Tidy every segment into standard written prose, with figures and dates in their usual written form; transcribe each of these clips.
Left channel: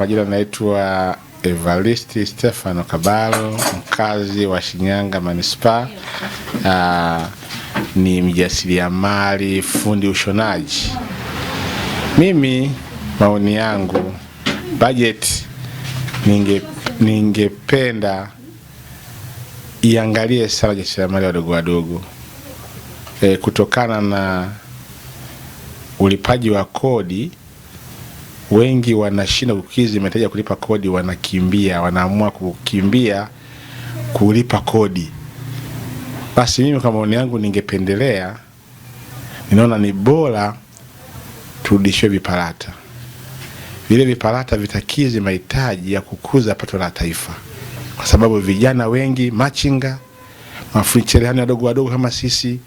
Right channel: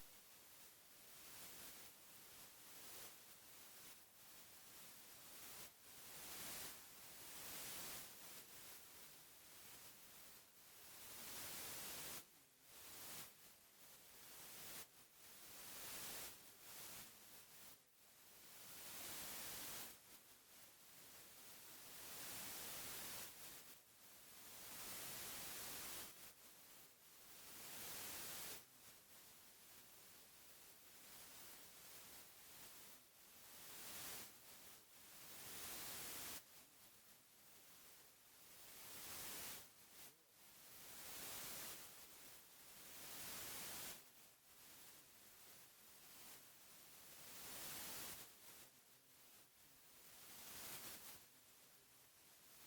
majina naitwa Evaristi Stefano Kabalo, mkazi wa Shinyanga Manispaa. Ni mjasiriamali, fundi ushonaji. Mimi maoni yangu, budget ningependa iangalie sana wajasiriamali wadogo wadogo. Kutokana na ulipaji wa kodi, wengi wanashinda kukidhi mahitaji ya kulipa kodi, wanaamua kukimbia kulipa kodi. Basi mimi kama maoni yangu ninaona ni bora turudishwe viparata. Vile viparata vitakidhi mahitaji ya kukuza pato la taifa. Kwa sababu vijana wengi, machinga, mafundi cherehani wadogo wadogo kama sisi,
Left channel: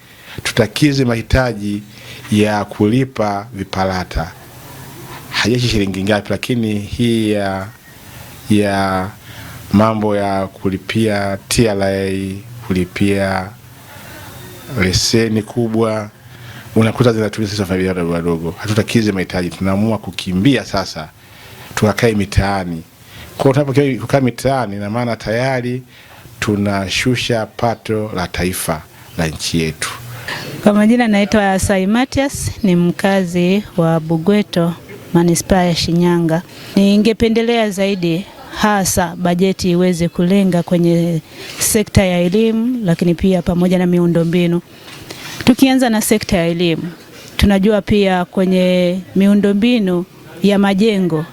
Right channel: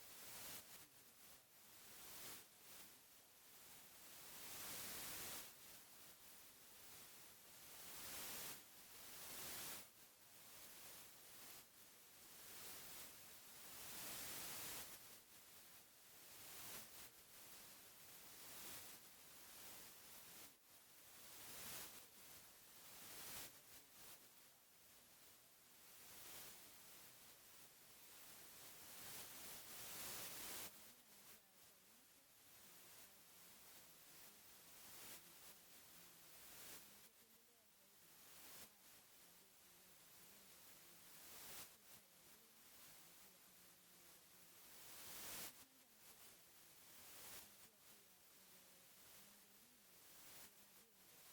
tutakidhi mahitaji ya kulipa viparata. Hajeshi shilingi ngapi, lakini hii ya mambo ya kulipia TRA, kulipia leseni kubwa, unakuta zinatumia sisi familia wadogo wadogo. Hatutakidhi mahitaji, tunaamua kukimbia sasa tukakae mitaani. Kwa tunapokaa mitaani, na maana tayari tunashusha pato la taifa la nchi yetu. Kwa majina naitwa Saimatias, ni mkazi wa Bugweto, Manispaa ya Shinyanga. Ningependelea zaidi hasa bajeti iweze kulenga kwenye sekta ya elimu, lakini pia pamoja na miundombinu. Tukianza na sekta ya elimu, tunajua pia kwenye miundombinu ya majengo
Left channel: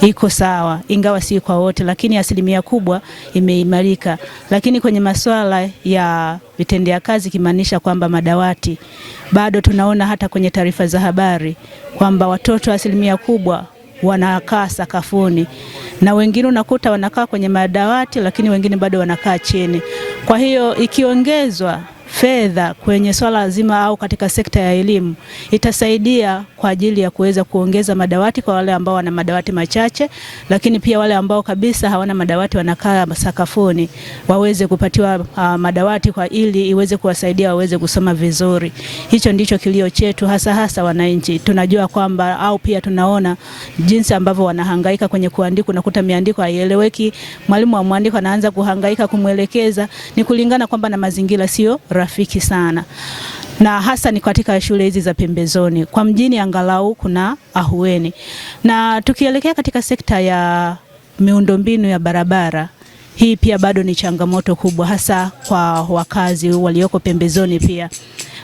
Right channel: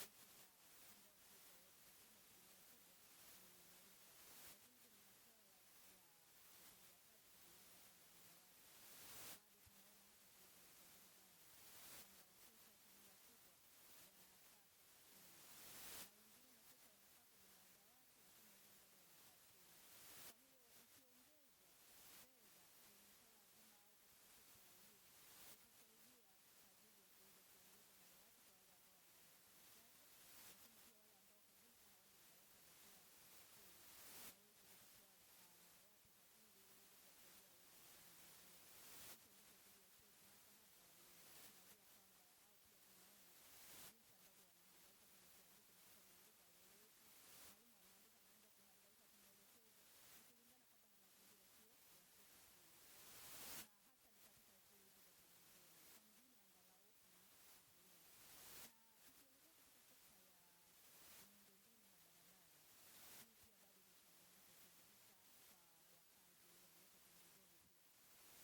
iko sawa, ingawa si kwa wote, lakini asilimia kubwa imeimarika. Lakini kwenye masuala ya vitendea kazi, kimaanisha kwamba madawati, bado tunaona hata kwenye taarifa za habari kwamba watoto asilimia kubwa wanakaa sakafuni, na wengine unakuta wanakaa kwenye madawati, lakini wengine bado wanakaa chini. Kwa hiyo ikiongezwa fedha kwenye swala zima au katika sekta ya elimu, itasaidia kwa ajili ya kuweza kuongeza madawati kwa wale ambao wana madawati machache, lakini pia wale ambao kabisa hawana madawati, wanakaa sakafuni, waweze kupatiwa madawati kwa ili iweze kuwasaidia waweze kusoma vizuri. Hicho ndicho kilio chetu hasa wananchi. Tunajua kwamba au pia tunaona jinsi ambavyo wanahangaika kwenye kuandika, unakuta miandiko haieleweki, mwalimu wa mwandiko anaanza kuhangaika kumwelekeza, ni kulingana kwamba na mazingira sio rafiki sana. Na hasa ni katika shule hizi za pembezoni. Kwa mjini angalau kuna ahueni. Na tukielekea katika sekta ya miundombinu ya barabara, hii pia bado ni changamoto kubwa, hasa kwa wakazi walioko pembezoni pia.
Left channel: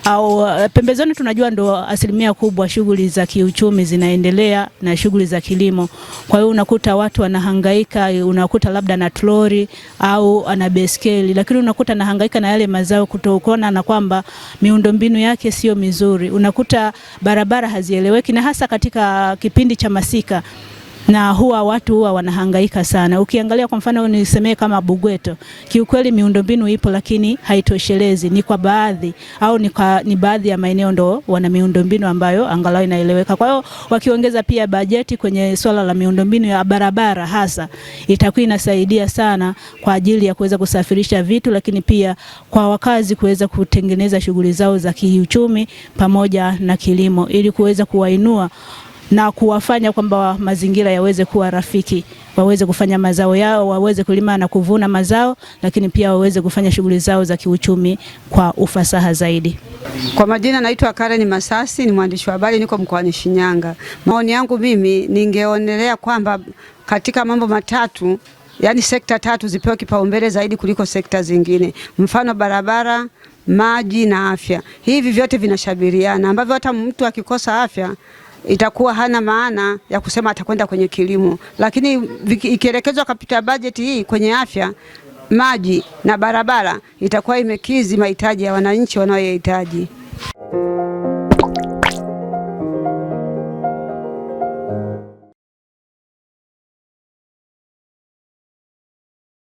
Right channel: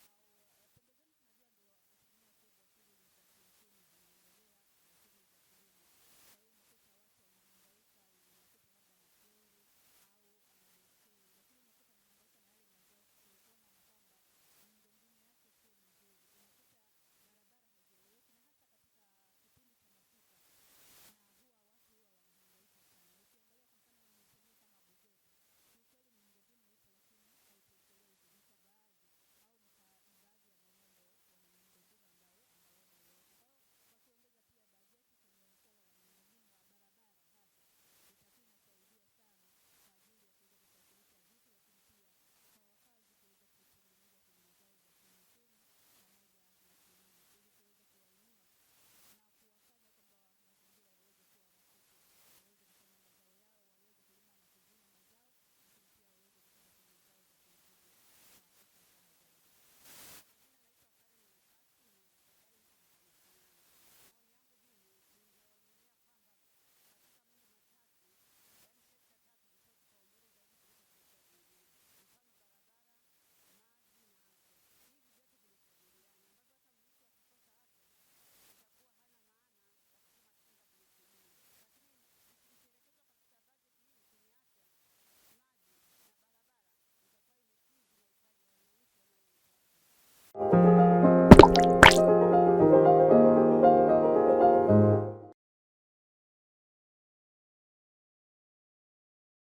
Au pembezoni tunajua ndo asilimia kubwa shughuli za kiuchumi zinaendelea na shughuli za kilimo. Kwa hiyo unakuta watu wanahangaika, unakuta labda na troli au ana beskeli, lakini unakuta anahangaika na yale mazao kutokana na kwamba miundombinu yake sio mizuri. Unakuta barabara hazieleweki, na hasa katika kipindi cha masika, na watu wanahangaika sana. Ukiangalia kwa mfano nisemee kama Bugweto, kiukweli miundombinu ipo lakini haitoshelezi. Ni kwa baadhi au ni baadhi ya maeneo ndo wana miundombinu ambayo angalau inaeleweka. Kwa hiyo wakiongeza pia bajeti kwenye swala la miundombinu ya barabara hasa, itakuwa inasaidia sana kwa ajili ya kuweza kusafirisha vitu, lakini pia kwa wakazi kuweza kutengeneza shughuli zao za kiuchumi pamoja na kilimo, ili kuweza kuwainua na kuwafanya kwamba mazingira yaweze kuwa rafiki, waweze kufanya mazao yao, waweze kulima na kuvuna mazao, lakini pia waweze kufanya shughuli zao za kiuchumi kwa ufasaha zaidi. Kwa majina naitwa Karen Masasi, ni mwandishi wa habari, niko mkoani Shinyanga. Maoni yangu mimi, ningeonelea kwamba katika mambo matatu, yani sekta tatu zipewe kipaumbele zaidi kuliko sekta zingine. Mfano barabara, maji na afya. Hivi vyote vinashabihiana, ambavyo hata mtu akikosa afya itakuwa hana maana ya kusema atakwenda kwenye kilimo. Lakini ikielekezwa kapita bajeti hii kwenye afya, maji na barabara, itakuwa imekidhi mahitaji ya wananchi wanayohitaji.